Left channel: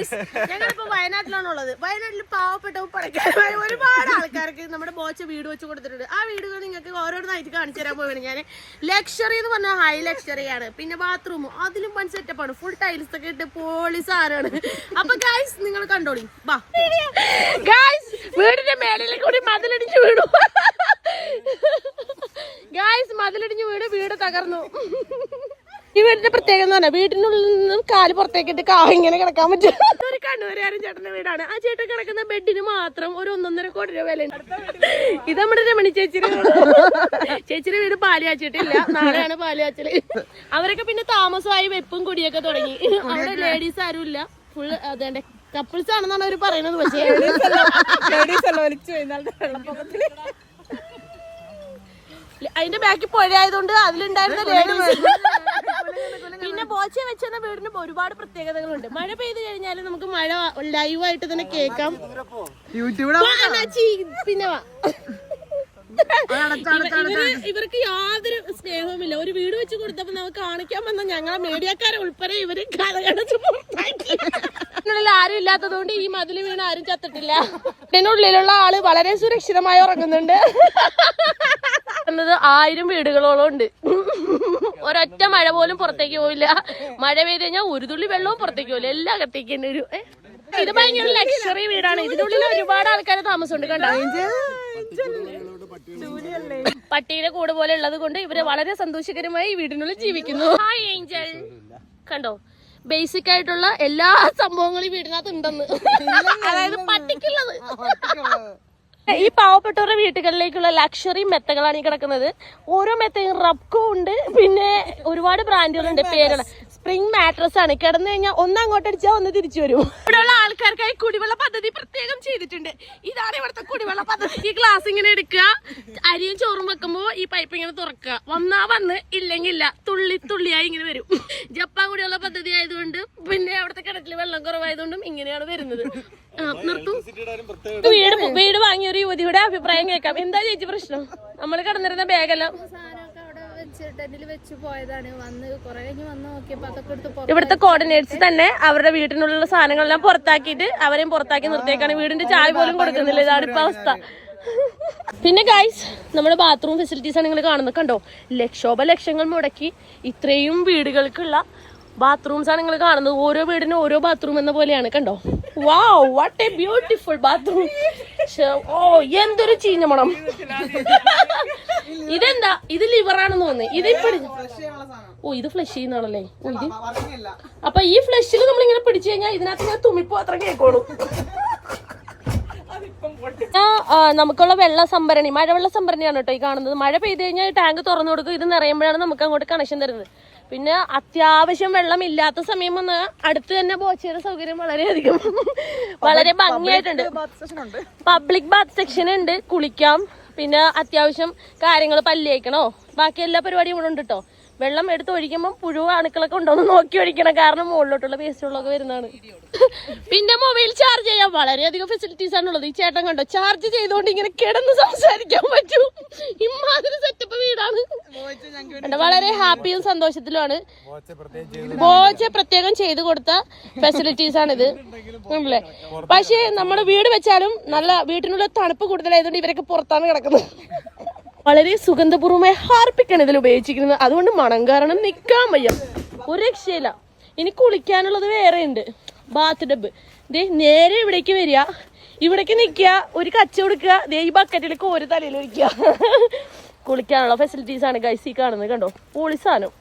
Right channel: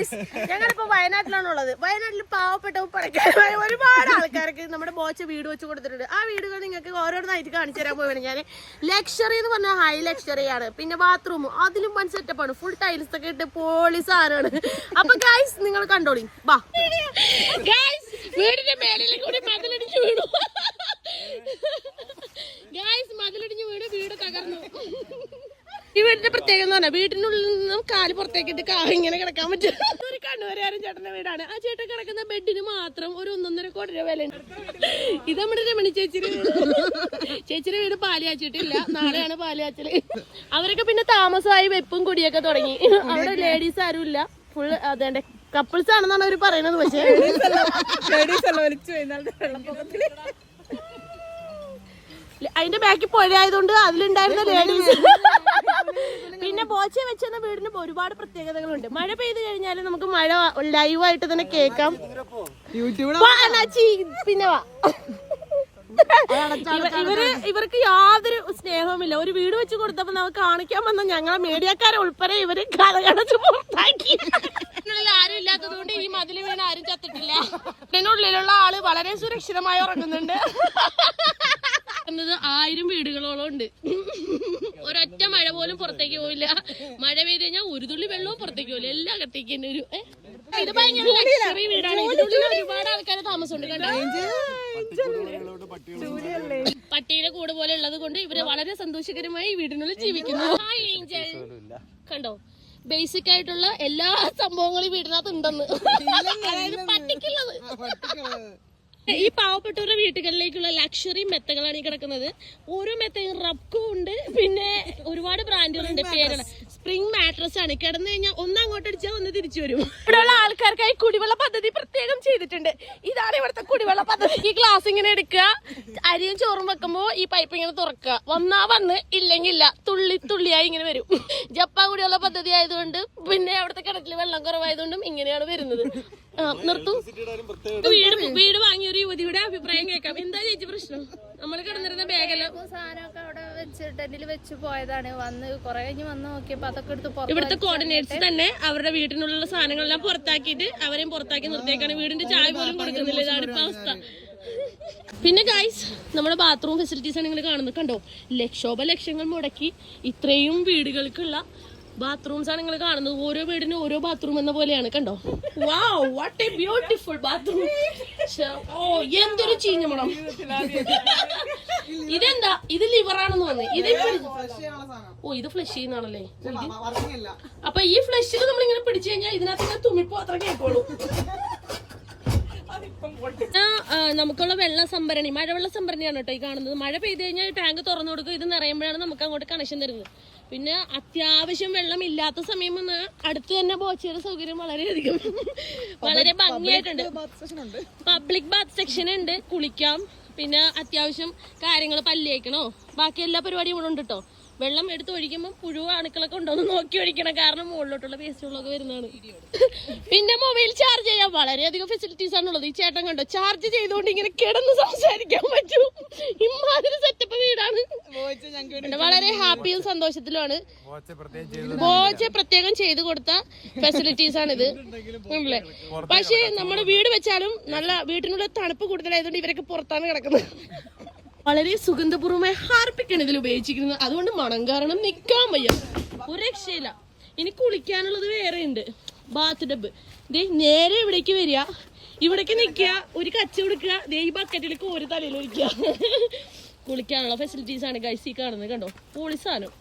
Guys ഞങ്ങളിപ്പോ വയനാട്ടിലാണുള്ളത്. വയനാട്ടിൽ പാവപ്പെട്ട പണക്കാരമായ ഒരുപാട് ആൾക്കാർക്ക് നമ്മുടെ ബോച്ച വീട് വെച്ച് കൊടുത്തിട്ടുണ്ട്. ആ വീടുകൾ നിങ്ങൾക്ക് ഓരോന്നായിട്ട് കാണിച്ചു തരാൻ പോവുകയാണ് ഞാൻ ലക്ഷറി എന്ന് പറഞ്ഞാൽ ഹൈ ലക്ഷറി ആണ്. പിന്നെ ബാത്റൂം അതിലും വൺ ആണ്. ഫുൾ ടൈൽസ് ഒക്കെ ഇട്ട് പോളി സാധനമാണ്. അപ്പൊ ഗായ്സ് നിങ്ങൾ കണ്ടോളി. വാ. ഗായ്സ് വീടിന്റെ മേലിൽ കൂടി മതിലടിച്ച് വീണു. ഗായ്സ് മതിലിടിഞ്ഞ് വീട് വീട് തകർന്നു. ഈ വീടിന്റെ പ്രത്യേകത എന്ന് പറഞ്ഞാൽ വീടിനുള്ളിൽ നിന്നും കാൽ പുറത്തേക്കിട്ട് കാ ഇങ്ങനെ കിടക്കാൻ പറ്റും. ഒരു കണ്ണൂരുകാരൻ ചേട്ടന്റെ വീടാണ്. ആ ചേട്ടൻ കിടക്കുന്ന ബെഡിന് മാത്രം ഒരു ഒന്നൊന്നര കോടി രൂപ വില ഇത് നമ്മുടെ രമണി ചേച്ചിയുടെ വീട്. ചേച്ചിയുടെ വീട് പാൽ കാച്ചിട്ടില്ല നാളെയാണ് പാൽ കാച്ചൽ അവരൊക്കെ പിന്നെ താമസമായി വെപ്പും കുടിയൊക്കെ തുടങ്ങി. അവിടെ ലേഡീസ് ആരും ഇല്ല. ഫുൾ അതേണ്ട കപ്പിൾസ് ആണെന്നാണ് അവർ പറയുന്നത് പക്ഷേ. അതിന്റെ ബാക്കിൽ പുഴ ആയതുകൊണ്ട് ലേഡീസ് പിന്നെ ബോച്ച വെച്ചെന്ന വീടിന് ഒരുപാട് പ്രത്യേകതകളുണ്ട് മഴ പെയ്ത് കഴിഞ്ഞാൽ നമുക്ക് മഴ ലൈവായിട്ട് തന്നെ കേക്കാം പിന്നെ വാ. ഇവ- ഇവർ ഇവർക്ക് യാതൊരു സ്നേഹവുമില്ല. ഒരു വീട് വെച്ച് കൊടുത്തപ്പോ നമുക്ക് കാണിക്കാൻ വന്ന ഞങ്ങളെ മീഡിയക്കാരെ ഉൾപ്പെടെ ഇവർ കലകടച്ച് പുറത്താക്കി. ഇതിനുള്ളിൽ ആരും ഇല്ലാത്തതുകൊണ്ട് ഈ മതിൽ വീണ് ആരും ചത്തിട്ടില്ല. ഇതിനുള്ളിലുള്ള ആൾ വളരെ സുരക്ഷിതമായി ഉറങ്ങുന്നുണ്ട്. എന്നത് ആയിരം വീടുകളോളം ഉണ്ട്. ഒരൊറ്റ മഴ പോലും പുറത്തേക്ക് പോയില്ല മഴ പെയ്ത് കഴിഞ്ഞാൽ ഒരു തുള്ളി വെള്ളവും പുറത്തേക്ക് പോയില്ല എല്ലാം അകത്തേക്ക് തന്നെ ഒരു? ഇത് ഭയങ്കര ലക്ഷറി വീടാണ്. ഇതിനുള്ളിൽ ഒരുപാട് ആൾക്കാർ താമസമുണ്ട് കണ്ടോ? പട്ടിയുടെ കൂട് പോലെ ഉള്ളത് കൊണ്ട് ഇവർ വളരെ സന്തോഷകരമായി വീടിനുള്ളിൽ ജീവിക്കുന്നു. ഹായ് ഏഞ്ചൽ കണ്ടോ? ബേസിക് ആയിട്ടുള്ള എല്ലാ സംഭവങ്ങളും ഈ വീടിനകത്ത് ഉണ്ടെന്ന്. അതായത് പട്ടിക്കുള്ളത്. ഈ പാവപ്പെട്ടവരുടെ വീട്ടുകളിലേക്കുള്ള ലക്ഷറി മെത്തകളാണ് ഈ കിടക്കുന്നത്. ഓരോ മെത്തയും റബ്കോ ഉണ്ട് പിന്നെ ഒരുപാട് ബ്രാൻഡുകളുണ്ട് പേരുകൾ. സ്പ്രിംഗ് മാട്രസ് ആണ്. കിടന്നു കഴിഞ്ഞാൽ ഒന്ന് അങ്ങോട്ട് അടിച്ചാൽ ഒന്ന് തിരിച്ചു വരും. ഇവിടെയുള്ള ആൾക്കാർക്കായി കുടിവെള്ള പദ്ധതി പ്രത്യേകം ചെയ്തിട്ടുണ്ട്. ഇതാണ് ഇവിടുത്തെ കുടിവെള്ള പദ്ധതി ഗ്ലാസ് ഇങ്ങനെ എടുക്കുക. അരിയും ചോറും വെക്കുമ്പോ ഈ പൈപ്പ് ഇങ്ങനെ തുറക്കുക. വന്നാ വന്ന് ഇല്ലെങ്കിൽ ഇല്ല തുള്ളി തുള്ളിയായി ഇങ്ങനെ വരും. ജപ്പാൻ കുടിവെള്ള പദ്ധതി ആയതുകൊണ്ട് പിന്നെ അവിടുത്തെ കിണറ്റിൽ വെള്ളം കുറവായതുകൊണ്ടും ഇങ്ങനെയാണ് വരുന്നത്. നിർത്തും. വീട് വീട് വാങ്ങിയ ഒരു യുവതിയുടെ അഭിപ്രായം കേൾക്കാം. എന്താ ചേച്ചി പ്രശ്നം? നമ്മൾ കിടന്നിരുന്ന ബാഗെല്ലാം ഇവിടുത്തെ കോർഡിനേറ്റ്സ് തന്നെ അവരുടെ വീട്ടിനുള്ള സാധനങ്ങളെല്ലാം പുറത്താക്കിയിട്ട് അവരെയും പുറത്താക്കി നിർത്തിയേക്കാണ്. വീടിന്റെ ചായ പോലും കൊടുക്കുന്നില്ല. ഇതാണ് ഇപ്പൊ അവസ്ഥ. പിന്നെ ഗൈസ് നമ്മുടെ ബാത്റൂം ഫെസിലിറ്റീസ് ആണ് നിങ്ങൾ കാണുന്നത്. കണ്ടോ? ലക്ഷോപ ലക്ഷങ്ങൾ മുടക്കി ഇത്രയും വീടുകൾക്കുള്ള ബാത്റൂംസ് ആണ് നിങ്ങൾ കാണുന്നത്. ഓരോ വീടിനും ഓരോ ബാത്റൂം എന്ന പോലെയാണ്. കണ്ടോ? Wow what a beautiful bathroom ഓ എന്തൊരു ചീഞ്ഞ മണം. ഇതെന്താ? ഇത് ലിവറാണെന്ന് തോന്നുന്നു. ഇത് ഓ ഇത് ഫ്ലഷ് ചെയ്യുന്നതാണല്ലേ? ഓ ഇത് അപ്പൊ ഈ ഫ്ലഷിൽ നമ്മൾ ഇങ്ങനെ പിടിച്ചു കഴിഞ്ഞാൽ ഇതിനകത്ത് ഇങ്ങനെ തുമ്മിപ്പോ അത്ര ആ, നമുക്കുള്ള വെള്ള സംഭരണി മഴവെള്ള സംഭരണിയാണ് കേട്ടോ ഈ കാണുന്നത്. മഴ പെയ്ത് കഴിഞ്ഞാൽ ഈ ടാങ്ക് തുറന്നു കൊടുക്കും. ഇത് നിറയുമ്പോഴാണ് നമുക്ക് അങ്ങോട്ട് കണക്ഷൻ തരുന്നത്. പിന്നെ അത്യാവശ്യം വെള്ളം ഇല്ലാത്ത സമയം വന്ന് അടുത്ത് തന്നെ ബോച്ചയുടെ സൗകര്യം വളരെയധികം. വളരെ ഭംഗിയായിട്ടുണ്ട്. പബ്ലിക് ബാത്ത് സെക്ഷൻ ഉണ്ട്. കുളിക്കാം. പിന്നെ അത്യാവശ്യം കാര്യങ്ങൾ പല്ലേക്കണോ ബാക്കി എല്ലാ പരിപാടിയും ഇവിടെ ഉണ്ട് കേട്ടോ വെള്ളം എടുത്ത് ഒഴിക്കുമ്പോൾ പുഴു അണുക്കളൊക്കെ ഉണ്ടോന്ന് നോക്കി ഒഴിക്കണം. കാരണം മുകളിലോട്ടുള്ള വേസ്റ്റുകളൊക്കെ വരുന്നതാണ്. പിന്നെ മൊബൈൽ ചാർജ് ചെയ്യാൻ വളരെയധികം ഫെസിലിറ്റീസ് ആണുള്ളത് ഈ ചേട്ടൻ കണ്ടോ? ചാർജ് ചെയ്തുകൊണ്ട് ഇങ്ങനെ കിടന്ന് സംസാരിക്കാൻ പറ്റൂ. ഇമാതിരി സെറ്റപ്പ് വീടാണ്. വളരെ ഹാപ്പിയും സന്തോഷത്തിലുമാണ്. ബോച്ച പ്രത്യേകം ചെയ്തു കൊടുത്ത ഫെസിലിറ്റീസ് ആണിത്. പക്ഷേ നമ്മുടെ വീട് വെച്ചാലും നല്ല വീട്ടിനുള്ള തണുപ്പ് കൂടുതലായതുകൊണ്ട് ഇവരൊക്കെ പുറത്താണ് കിടക്കുന്നത്. വളരെ സുഗന്ധപൂർവമായി ഹാർപ്പിക്കാണ് ഇതിൽ ഉപയോഗിച്ചിരിക്കുന്നത്. അതുകൊണ്ട് മണം കാരണം നിക്കാൻ വയ്യ. ഒരു രക്ഷയില്ല. ഇനി കുളിക്കാനുള്ളത് വേറെ ഉണ്ട് ബാത്ത് ഡബ് ദേ നേരെ ഇവിടേക്ക് വരിക. ഇവിടേക്ക് നിൽക്കുക ഒരു കച്ച കൊടുക്കുക. ദേ ഈ ബക്കറ്റിലേക്ക് ഒരു തലയിൽ ഒഴിക്കുക. കുളിക്കാനുള്ള ഫെസിലിറ്റീസ് ആണ് ഗൈസി കാണുന്നത് കണ്ടോ? പൊളി സാധനം.